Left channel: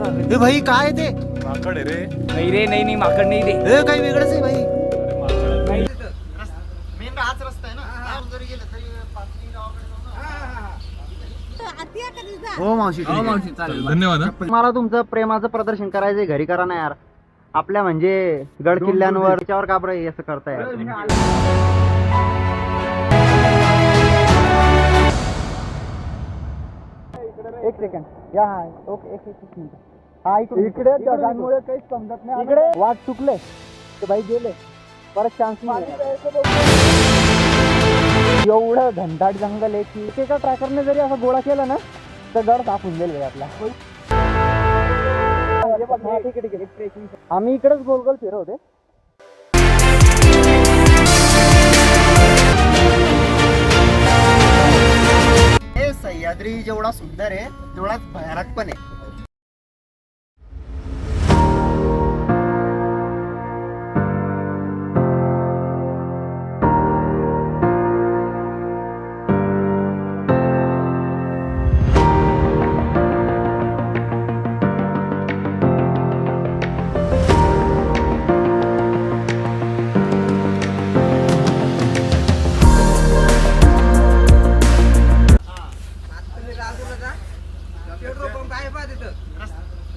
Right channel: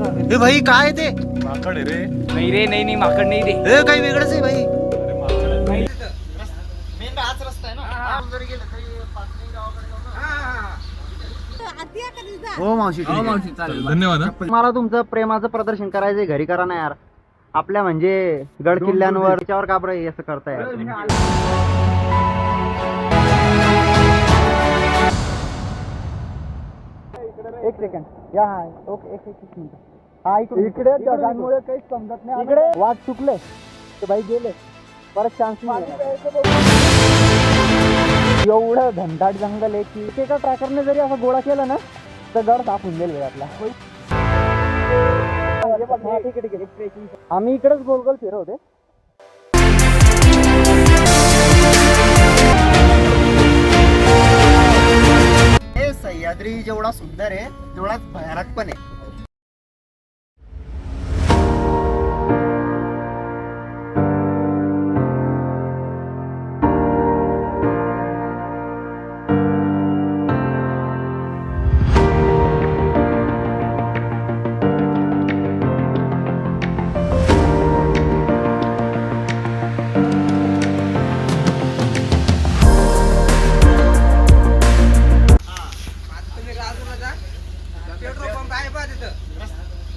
हे भाई काय ते माकड आहे रे. नाही रे, नाही माकड नाही ते. हे काही वेगळंच आहे भाई. मेन हाच रस्ता आहे ना. जरी गेलं तरी पाचवी गावाकडे जाऊ ना. हो मावशी हो मावशी, चालेल. धन्यवाद. मला तुमचं प्रेमाचं प्रदर्शन करायचंय, घरी करा ना यार. आपल्या म्हणजे गड किल्ल्यांवर त्याच्यावर का बरं असं करताय यार तुम्ही? एक सेकंड या. ओके एक मिनिट. हा इकडे ढगांमुळे काहीच समजत नाही. इकडे वाट चुकले ते भाई गेले, परत चान्स नाही. एवढं घनदाट जंगल आहे की एका ट्रॅकरने जरी असं गोळा केला ना तर गड साफ होऊन जाईल भाई आपला. ठीक आहे. आम्ही इकडेच गोल गोल फिरवते. हे सह्याद्री जेवढा सुंदर आहे तेवढाच भयानक पण आहे.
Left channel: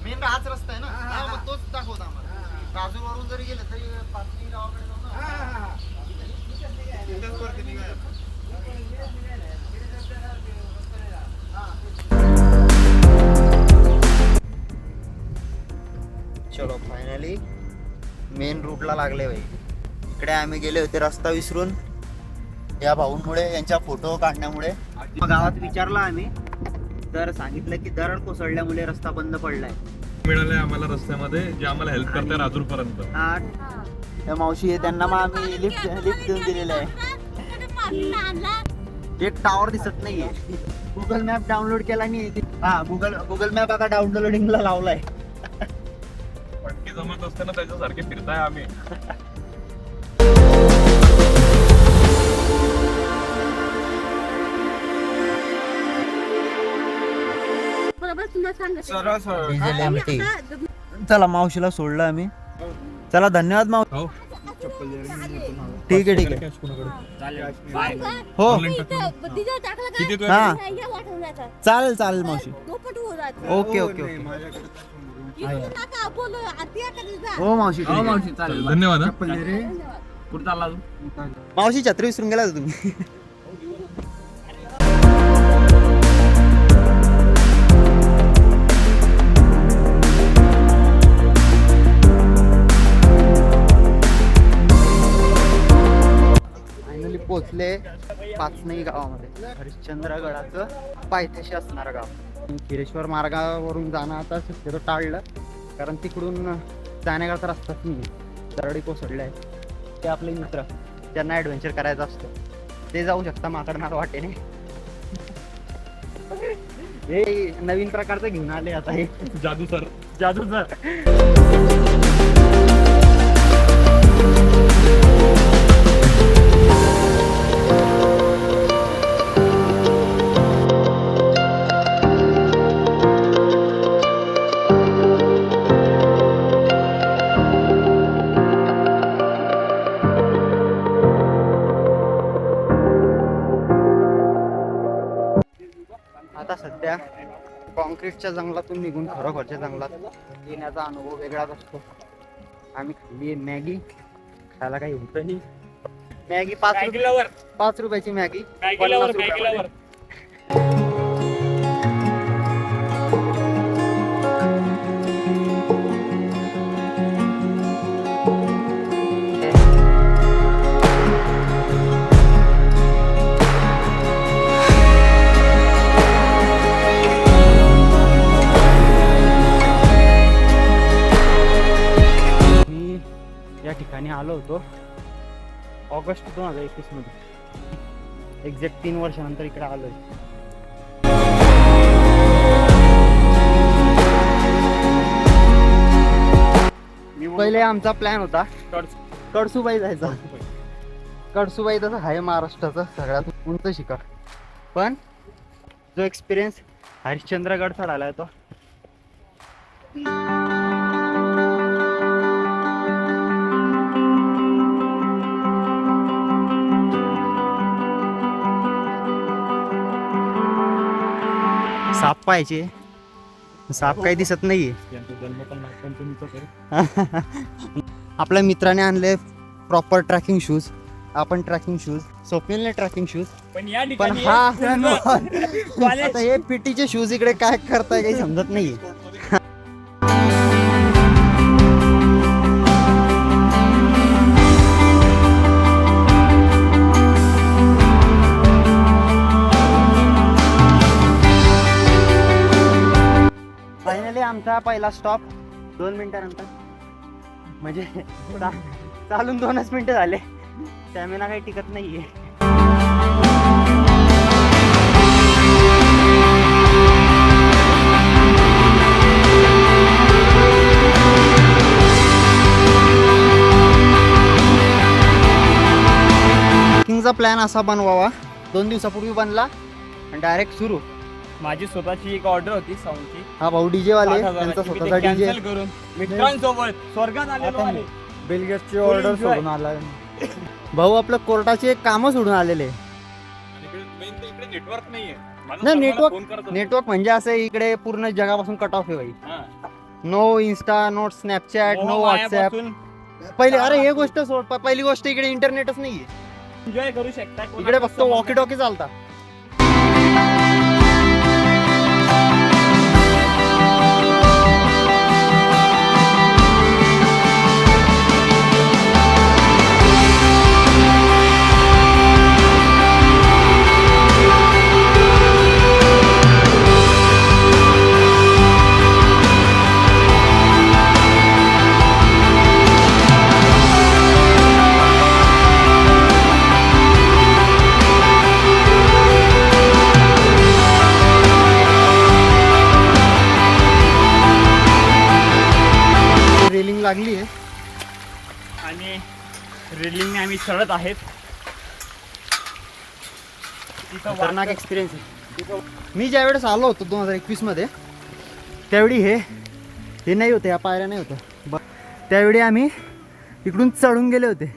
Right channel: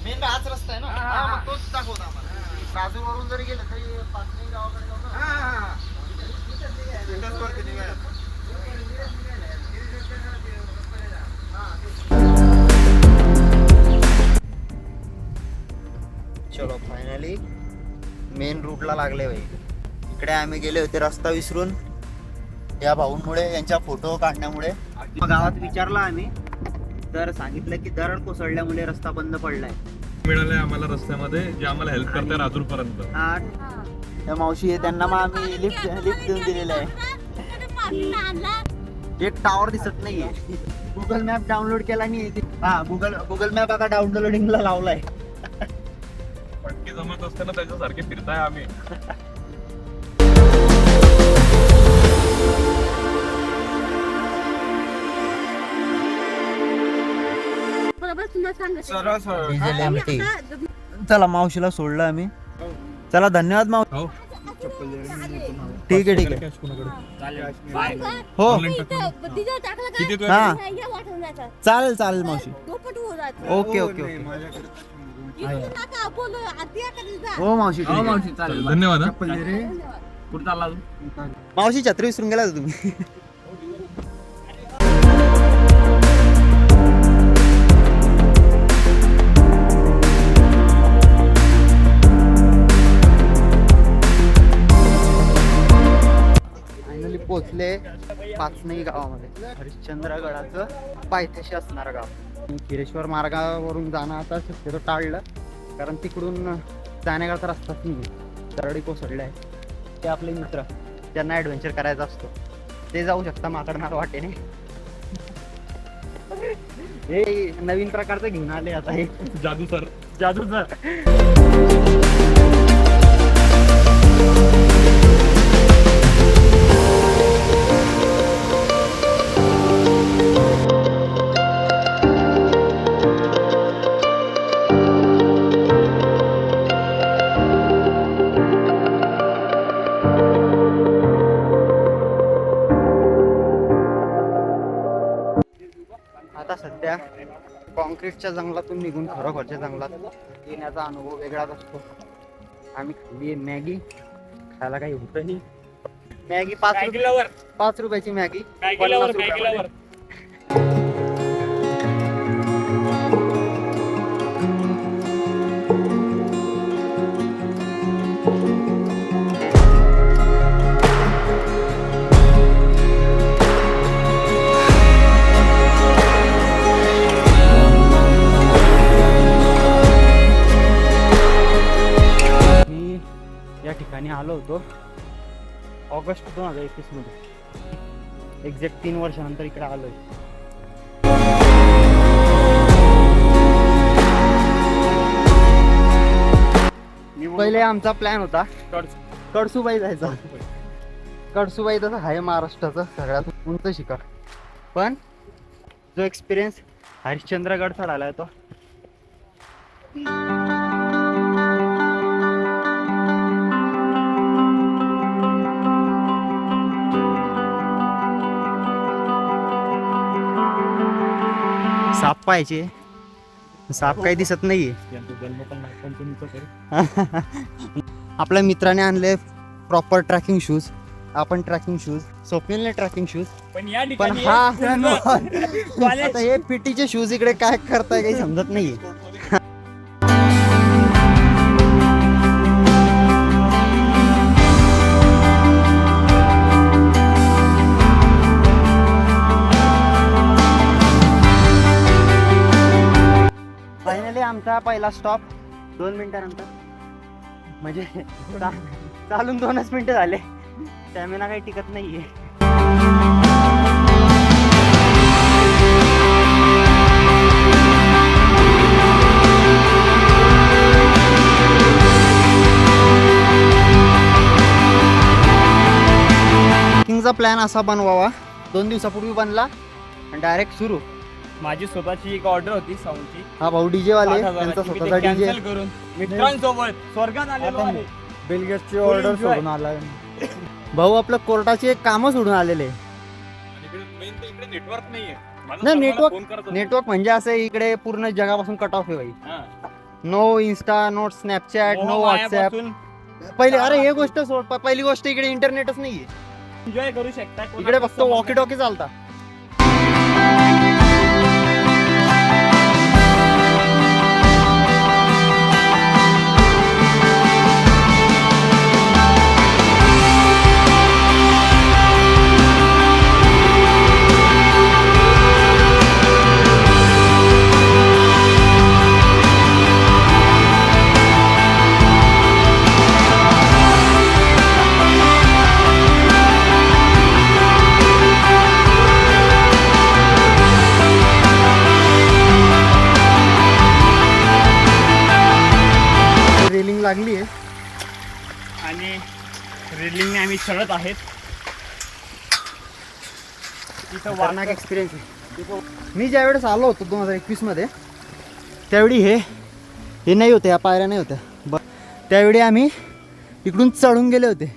मेन हाच रस्ता आहे ना. मग तोच दाखवता आम्हाला. राजूर वरून जरी गेलं तरी पाचवी गावाकडे जाऊ ना. तिथंच वरती निघायचं. चलो फायनली मेन रूटला लागले भाई. इकडे आम्ही गेले होते रस्ता विसरून या भाऊंमुळे, यांच्या फोटो काढण्यामुळे. गावात विचारला आम्ही तर सांगितलं की दरड कोसळल्यामुळे रस्ता बंद पडलाय. मिळालंय आम्हाला रस्त्यामध्ये जे आम्हाला हेल्प करते राजूर पर्यंत. त्या मावशी आहे त्यांना मग आम्ही लिफ्ट देऊन दिलेलं आहे. एक टावर दिसत नाहीये. गुगल मॅप डाउनलोड केला नाही. हा गुगल मॅप आता डाउनलोडिंगला लावलाय. पटकी जमत असताना त्याच्यासारखे फिरताय आम्ही. Diesel MT. चला मावशीला सोडलं आम्ही. चला धन्यवाद मावशी. हो. ठीक आहे हो. किती हा चालेल मावशी. ओके हो मावशी. हो मावशी, चालेल. धन्यवाद. कुठं चालला तू? मावशी छत्री विसरून गेला होता तुम्ही. फायनली पोचले पाचनई गावामध्ये. हरिश्चंद्रगडाचं पायथ्याशी असणारं गाव. खिरेश्वर मार्गावरून जाणं आता शक्यतो टाळलं, कारण तिकडून जाण्याकरता रस्ताच नाही. दरडी कोसळले आहे. ते आपले मित्र ज्यांना ॲडव्हेंचर करायचा असतो ते जाऊ शकता माकडनार वाटेने. हे नवीन प्रकारचं घेऊन आले आता हे जादू सर. आता सध्या कॉन्क्रीटच्या जंगलातून निघून खरोखरच्या जंगलात येण्याचा अनुभव वेगळाच असतो. आम्ही खाल्ली मॅगी. खायला काही होतं नाही. मॅगी 5 रुपयाची मॅगी. 50 रुपयामध्ये. या ठिकाणी आलो होतो ऑगस्ट 2021 मध्ये. एक्झॅक्ट 3 वर्षानंतर इकडे आलोय. पहिले आमचा प्लॅन होता कडसूबाई जायचा. कडसूबाई तसं आहे महाराष्ट्राचं सगळ्यात उंच शिखर, पण जो एक्सपिरियन्स हरिश्चंद्रगड चढायला येतो साप पाहायचे, साप काही दिसत नाहीये. आपल्या मित्राने आणले प्रॉपर ट्रॅकिंग शूज. आपण ट्रॅकिंग शूज, स्वप्नीलने ट्रॅकिंग शूज, पण या पण ठिकाणी हा आता हे पीटीचे शूज इकडे काय करताय काही समजत नाहीये. फायनली आमचा पहिला स्टॉप 2 मिनिटानंतर, म्हणजे चालून 2च मिनिटं झाले. स्टॅमिना काही टिकत नाहीये. ट्रेकिंगचा प्लॅन असा बनवावा, 2 दिवसापूर्वी बनला आणि डायरेक्ट सुरू. माझी स्वतःची एक ऑर्डर होती साऊंडची, हा भाऊ डीजे वाले, 7,000 त्यांचा ची. मी स्वतःचा ते डीजे. cancel करून मित्रांसोबत स्वर्गात आलेलो आहे. बिलगेटची Full ऑर्डर enjoy. सोडून आला भाऊ. आपलं कोर्टाचे काम सोडून आलेले. आणि इकडे मेन तर इकडे नेटवर्क नाहीये. नाही, नेटवर्क म्हणजे असं इकडे पूर्ण जगापासून कट ऑफ आहे भाई. No Insta, no Snapchat, no WhatsApp. पहिले अरे हे गोष्ट सोड, पहिली गोष्ट इकडे इंटरनेटच नाहीये. एन्जॉय करू शकता. इकडे फक्त वॉकी टॉकी चालता. रेलिंग लागली आहे आणि रेलिंग आम्ही चढत आहेत. खतरनाक एक्सपिरियन्स आहे. मी ज्या वेळेस आलो होतो 2021 मध्ये, त्यावेळी हे नाही होते, या पायऱ्या नाही होत्या. त्यावेळी आम्ही इकडून चढून गेले होते.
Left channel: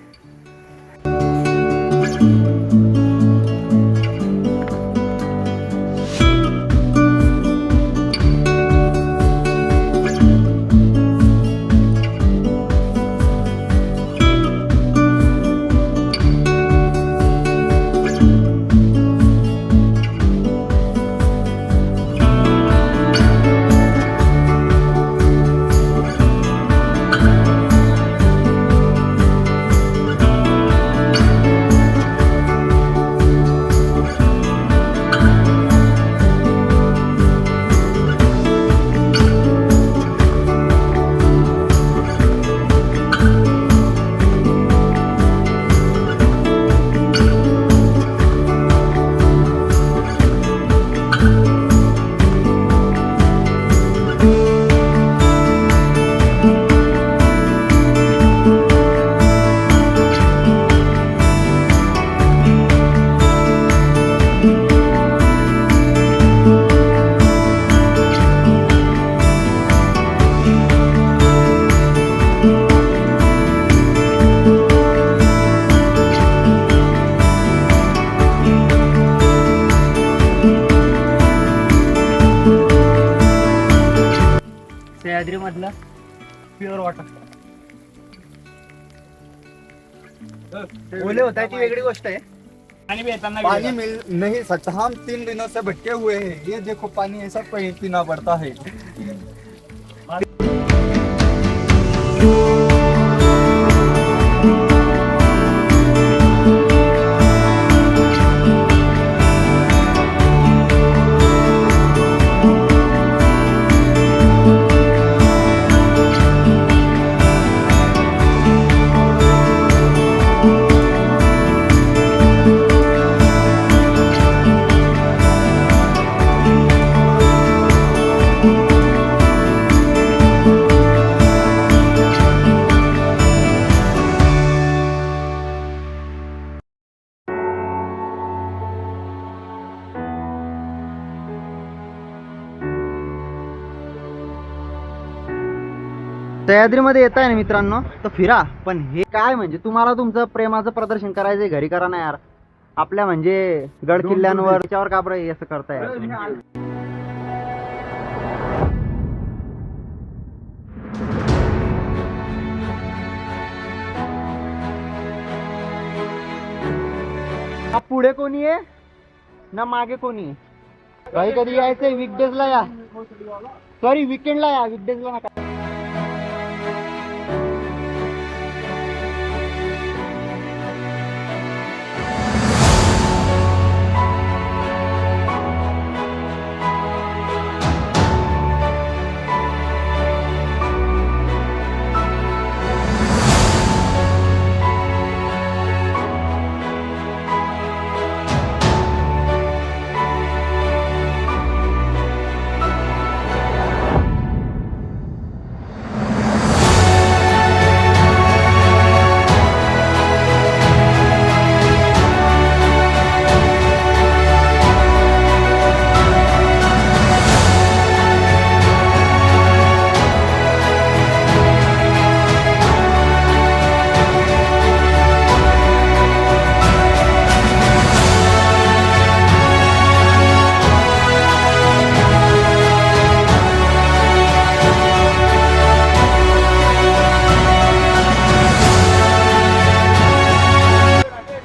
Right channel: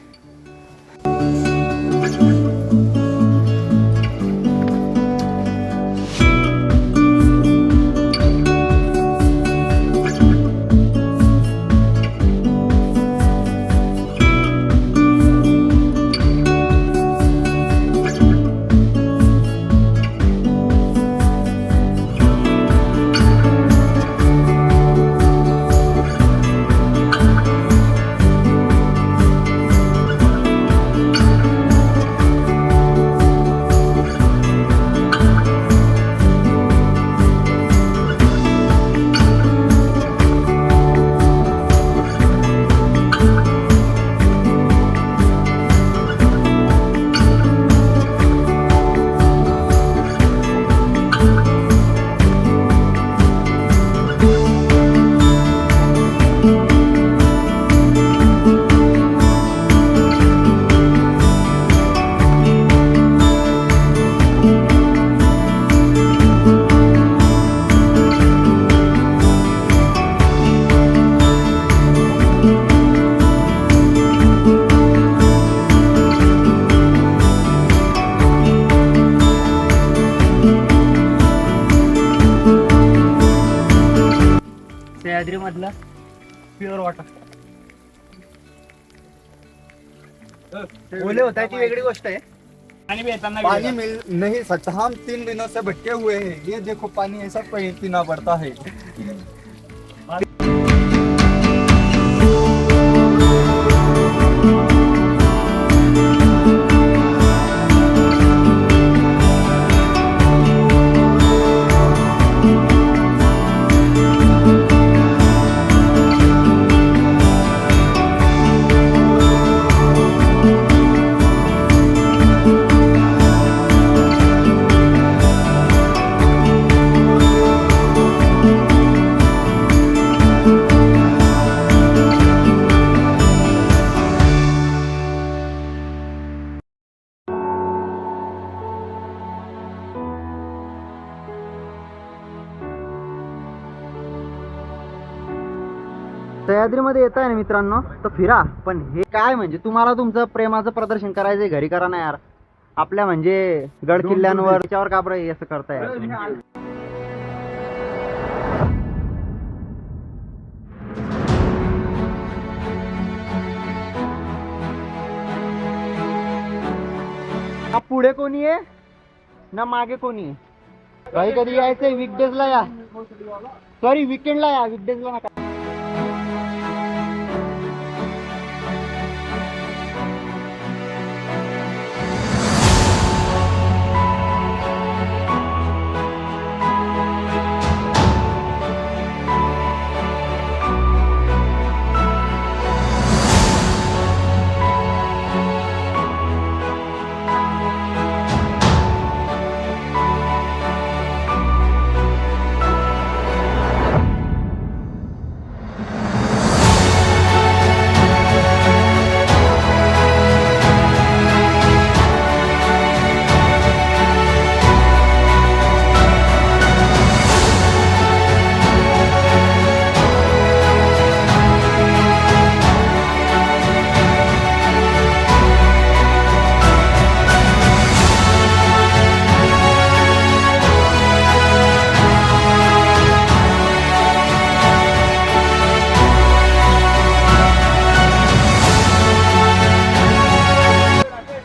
सह्याद्री मधला प्युअर वॉटर. ओले होता है ती वेगळी गोष्ट आहे. पाणी भी येताना पानी मिल नहीं सकता. हम 3 दिनों से भटके हुए हैं. ये देखो पानी ऐसा पीना पड़ता है. सह्याद्रीमध्ये येत आहे ना मित्रांनो, तर फिरा. पण हे काय म्हणजे तुम्हाला तुमचं प्रेमाचं प्रदर्शन करायचंय घरी करा ना यार. आपल्या म्हणजे गड किल्ल्यांवर त्याच्यावर का बरं असं करताय. पुढे कोणी आहे ना मागे कोणी आहे. काही कधी यायचंय वीकडेजला या, सॉरी वीकेंडला या, वीकडेजला नका.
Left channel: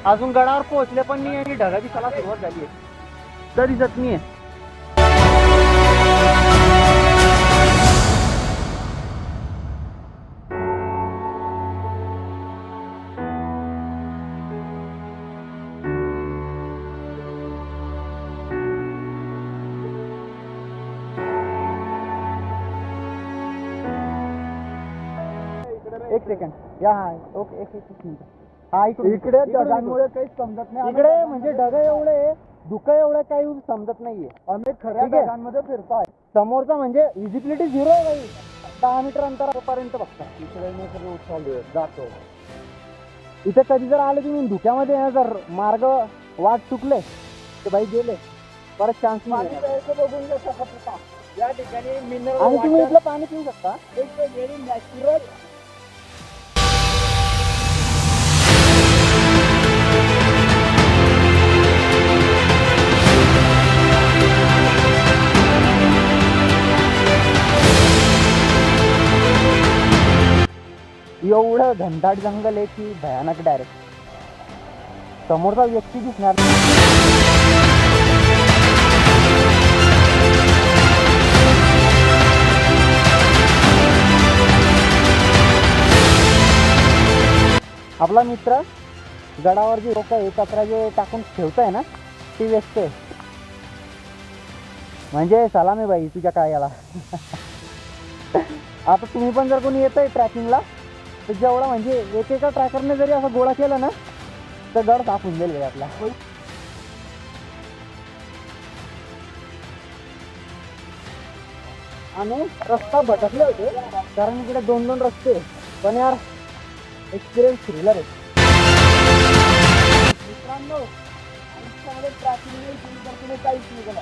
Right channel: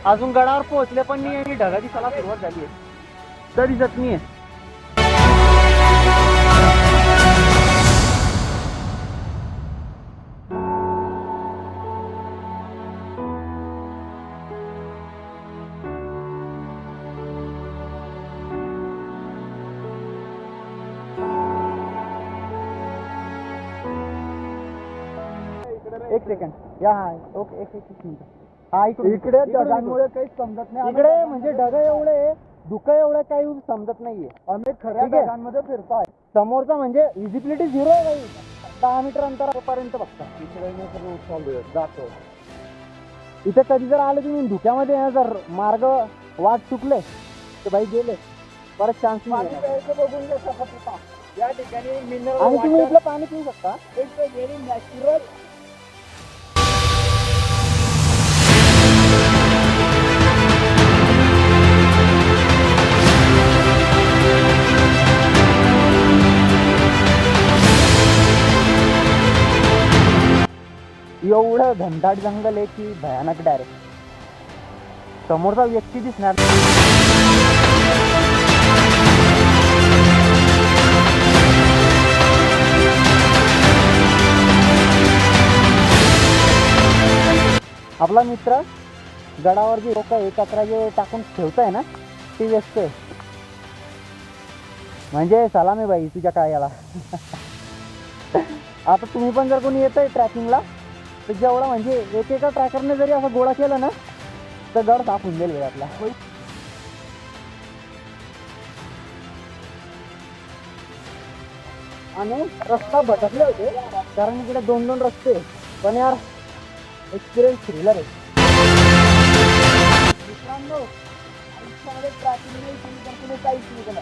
अजून गडावर पोहोचले पण नाही आणि ढगा दिसायला सुरुवात झाली आहे, तर दिसत नाहीये. एक सेकंड या, हा ओके, एक मिनिट. हा इकडे ढगांमुळे काही समजत नाही. इकडे म्हणजे ढग एवढे, धुकं एवढं काही समजत नाहीये. आम्ही खऱ्या ढगांमध्ये फिरतोय. समोरचा म्हणजे विजिबिलिटी 0 आहे भाई, 10 मीटर अंतरापर्यंत बघता. इकडे जातो. इथे कधी जर आले तुम्ही धुक्यामध्ये, जर मार्ग वाट चुकले तर भाई गेले, परत चान्स नाही. बघून शकत होता या ठिकाणी मिनरल, आणि तुम्ही इथलं पाणी पिऊ शकता. एक व्हेरी नॅचरल. एवढं घनदाट जंगल आहे की भयानक. डायरेक्ट समोरचा व्यक्ती दिसणार. आपला मित्र गडावर जे लोक आहे कचरा जे टाकून ठेवताय ना, ती व्यस्त आहे. म्हणजे सलाम आहे बाई तुझ्या काय याला. आता तुम्ही पण जर कोणी येत आहे ट्रॅकिंगला, तर जेवढा म्हणजे एकेका ट्रॅकरने जरी असं गोळा केला ना, तर गड साफ होऊन जाईल भाई आपला. आणि रस्ता भटकले होते कारण इकडे 2-2 रस्ते, पण यार एक्सपिरियन्स थ्रिलर आहे मित्रांनो. आयुष्यामध्ये ट्रॅकिंग नाही केली तर तुम्ही काहीच नाही केलं.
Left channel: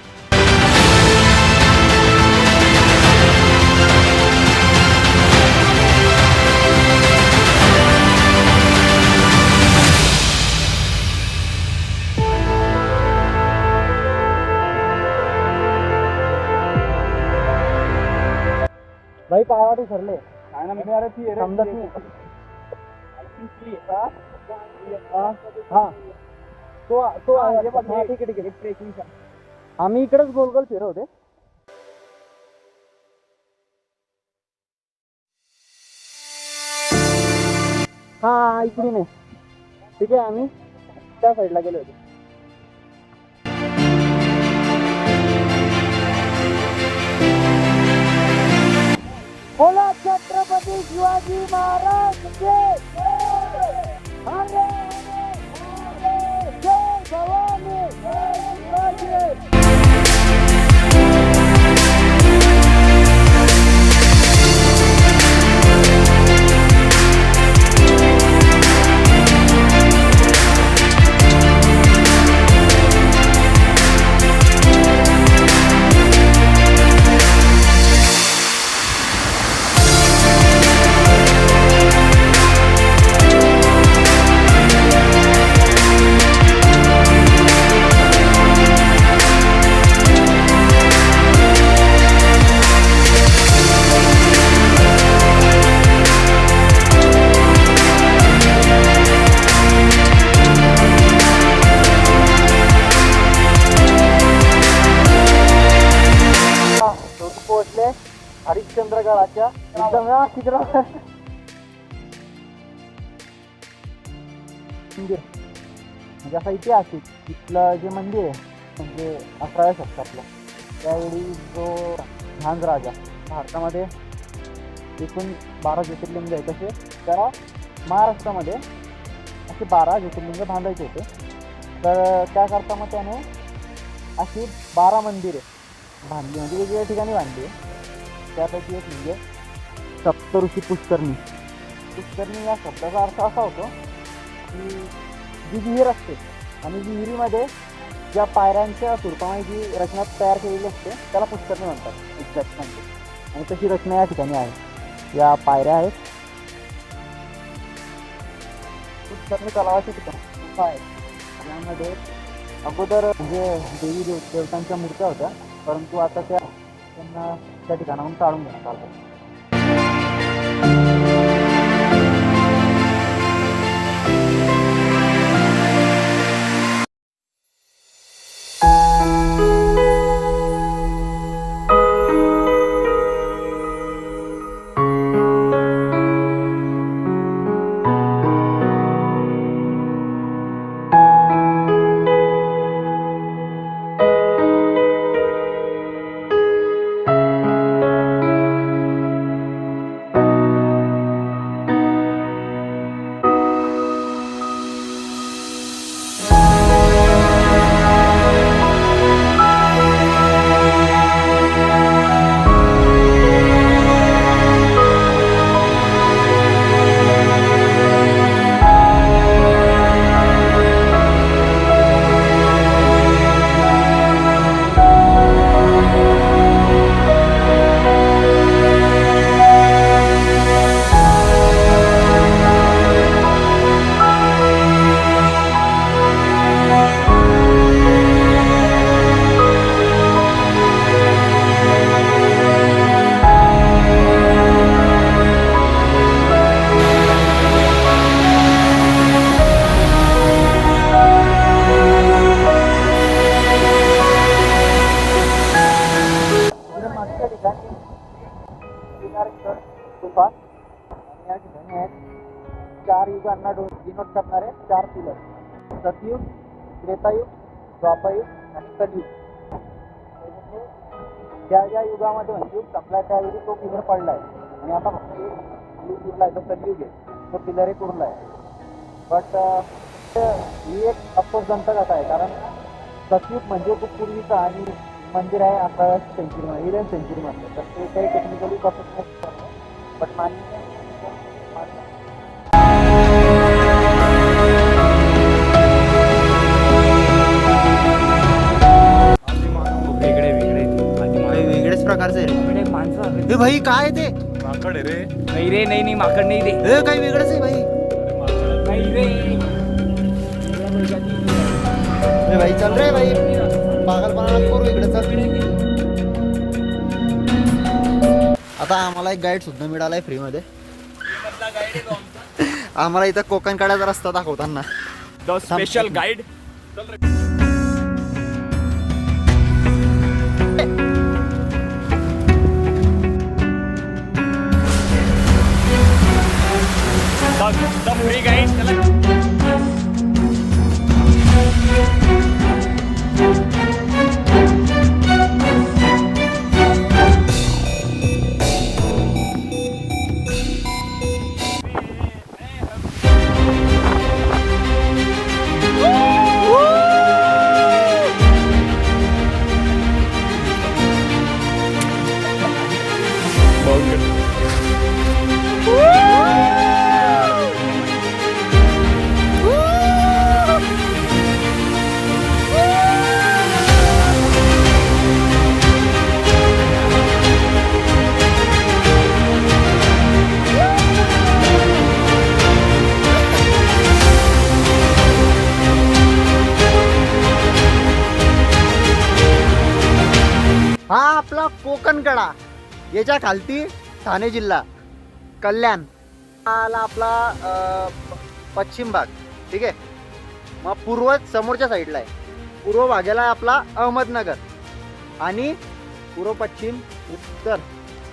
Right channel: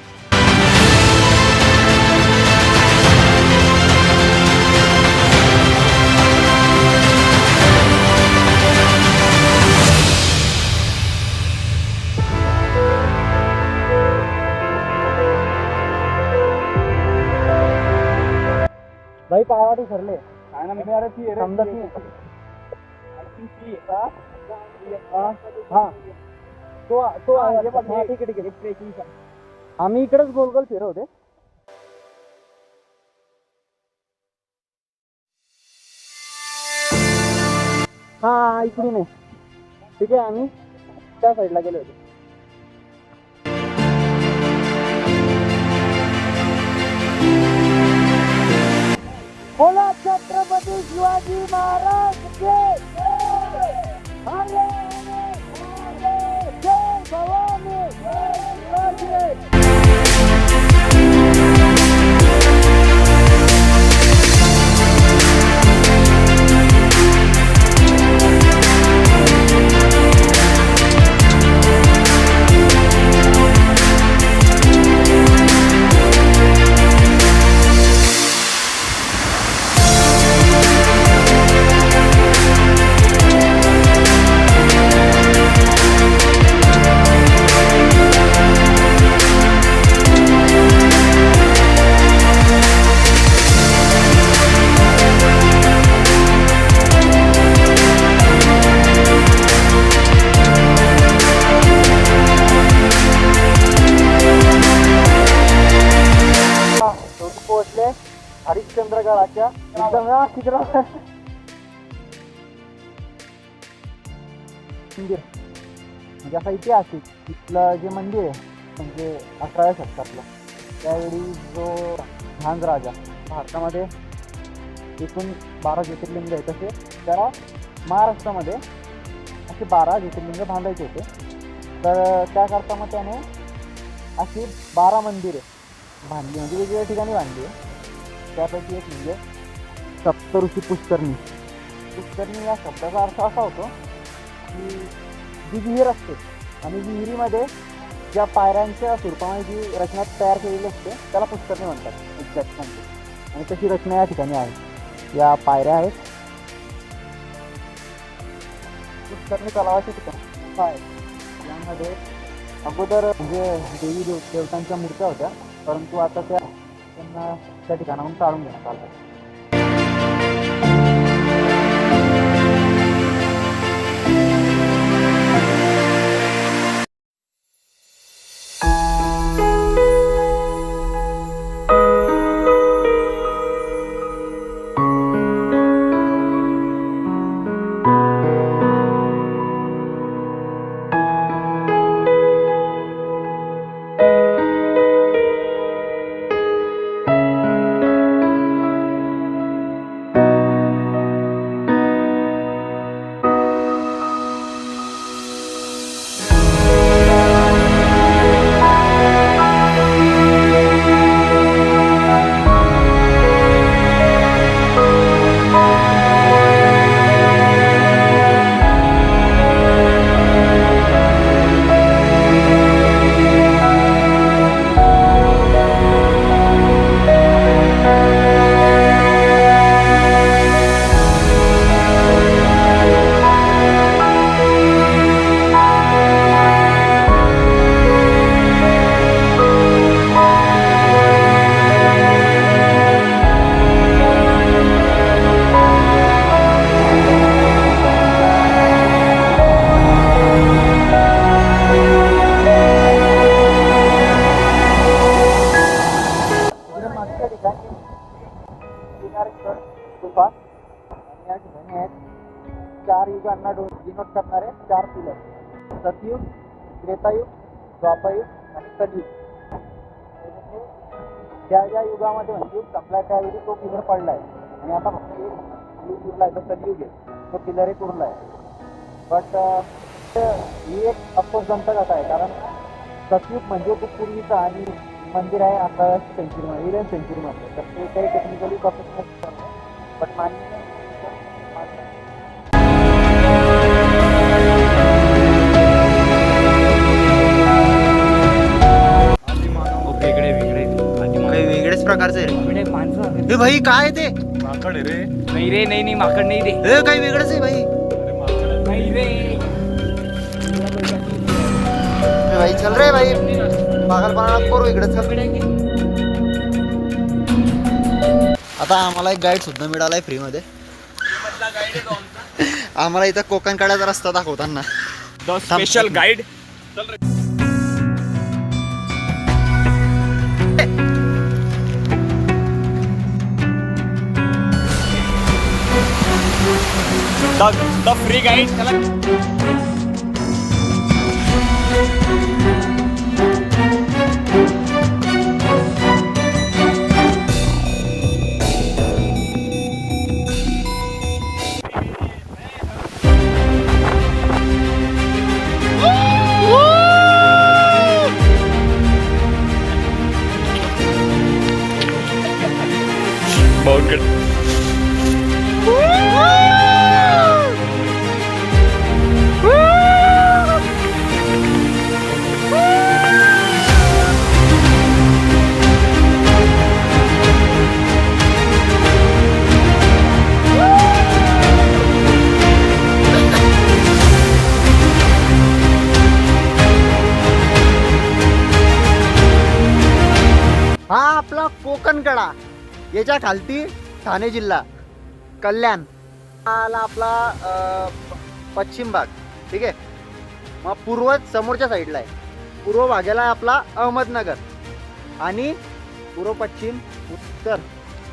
भाई पायवाटी ठरले समजत नाही. तो ठीक आहे. आम्ही इकडेच गोल गोल फिरवते. हा इकडून आहे, ठीक आहे. आम्ही त्या साईडला गेले होते. बोला छत्रपती शिवाजी महाराज के हरे हरे जय भवानी जय शिवाजी. अच्छा एकदम मंदिर म्हणजे असा ऐतिहासिक तिथलं जे मंदिर आहे म्हणजे 11व्या शतकातलं त्यावेळी जो झांज राजा भारतामध्ये एकूण 12 ज्योतिर्लिंग आहे तसे त्याला महाराष्ट्रामध्ये असे 12 ज्योतिर्लिंग बांधायचे होते. तर त्याकरता मग त्याने अशी 12 मंदिरे बांधली म्हणजे वेगवेगळ्या ठिकाणी बांधली आहे. त्यापैकी एक म्हणजे सप्तऋषी पुष्करणी. पुष्करणी या शब्दाचा अर्थ असा होतो की जी विहीर असते आणि विहिरीमध्ये ज्या पायऱ्यांच्या स्वरूपामध्ये जी रचना तयार केलेली असते त्याला पुष्करणी म्हणतात एक्झॅक्ट म्हणजे. आणि तशी रचना या ठिकाणी आहे. या पायऱ्या आहेत पुष्करणी तलावाच्या ठिकाणी आहेत. यामध्ये अगोदर म्हणजे देवी देवतांच्या मूर्त्या होत्या परंतु आता त्यांना त्या ठिकाणाहून काढून घेण्यात आलं. गुफा आणि या ठिकाणी आहेत 4 युगांना डिनोट करणारे 4 पिलर. सतयुग, त्रेतायुग, द्वापारयुग आणि कलियुग. त्या ज्या युगामध्ये म्हणजे युग संपला त्यावेळी तो पिलर पडला आहे आणि आता फक्त एक युग उरला आहे तो कलियुग आहे. तो पिलर एक उरला आहे. बट ही एक अफसोसजनक कथा आहे कारण सतयुग म्हणजे खूप पूर्वीचा आणि मंदिर आहे 11व्या सेंचुरीमध्ये 11th सेंचुरीमध्ये. तर ते काही टेक्निकली प्रोफेशनल बट मान्य काही वेगळेच प्रकारचे माणसं भाई काय ते माकड आहे रे. नाही रे नाही माकड नाही दे हे काही वेगळंच आहे भाई. नाही रे ए भाई चल रे भाई पागलपणा करू इकडे चल. आता आम्हाला एक गाईड सुद्धा मिळालाय फ्री मध्ये. आम्हाला इथं कोकण कड्याचा रस्ता दाखवताना the special guide. The free guide. हा आपला कोकण कडा याच्या खालती ठाणे जिल्हा कल्याण आला आपला पश्चिम भाग. ठीक आहे. मग पूर्व समोरच्या साईडला आहे. पूर्व भागाला आहे आपला अहमदनगर आणि पूर्व पश्चिम उत्तर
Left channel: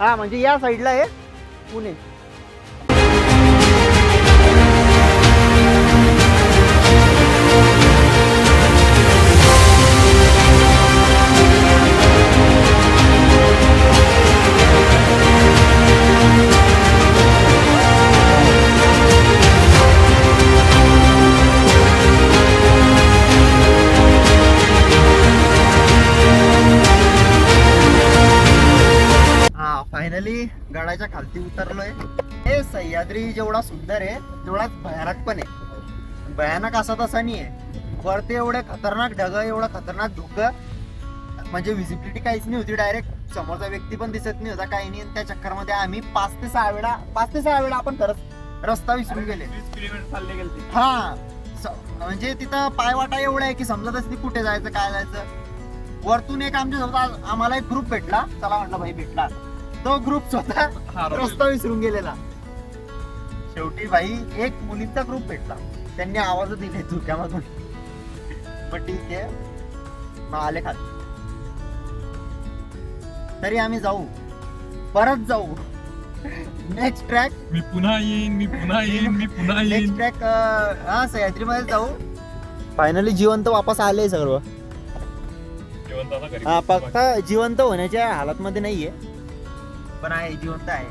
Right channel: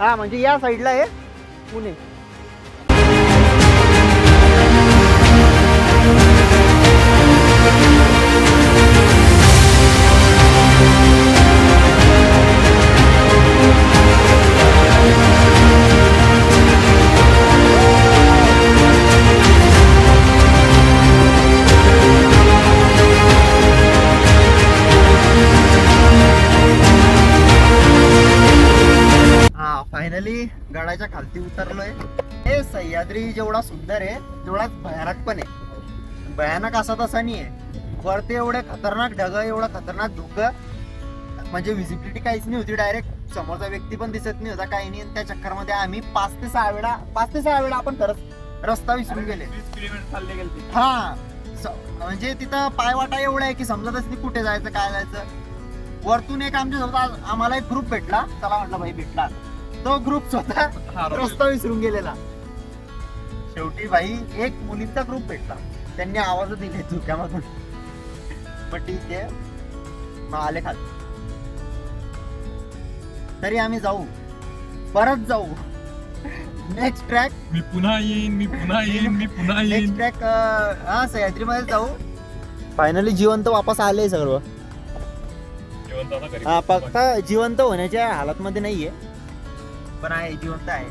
हा म्हणजे या साईडला आहे पुणे. हा फायनली गडाच्या खालती उतरलोय. हे सह्याद्री जेवढा सुंदर आहे तेवढाच भयानक पण आहे. भयानक असा तसा नाही आहे. वरती एवढे खतरनाक ढग, एवढं खतरनाक धुकं, म्हणजे विजिबिलिटी काहीच नाही होती. डायरेक्ट समोरचा व्यक्ती पण दिसत नाही होता, काही नाही. त्या चक्करमध्ये आम्ही 5 ते 6 वेळा आपण खरंच रस्ता विसरून गेले. 20 किलोमीटर चालले गेले. हा म्हणजे तिथं पायवाटा एवढा आहे की समजतच नाही कुठे जायचं काय जायचं. वरतून एक आमच्या सोबत आम्हाला एक ग्रुप भेटला. चला म्हटलं भाई भेटला. तो ग्रुप स्वतः रस्ता विसरून गेलेला. शेवटी भाई एक मुलींचा ग्रुप भेटला, त्यांनी आवाज दिले धुक्यामधून. मग ठीक आहे, मग आले खाली. तरी आम्ही जाऊ, परत जाऊ. नेक्स्ट ट्रॅक मी पुन्हा येईन, मी पुन्हा येईन, मी पुन्हा नेक्स्ट येईन. ट्रॅक हा सह्याद्री मध्ये जाऊ. फायनली जिवंत वापस आले सर्व. जेवण आता घरी हा फक्त जिवंत होण्याच्या हालत मध्ये नाहीये, पण आहे जिवंत आहे.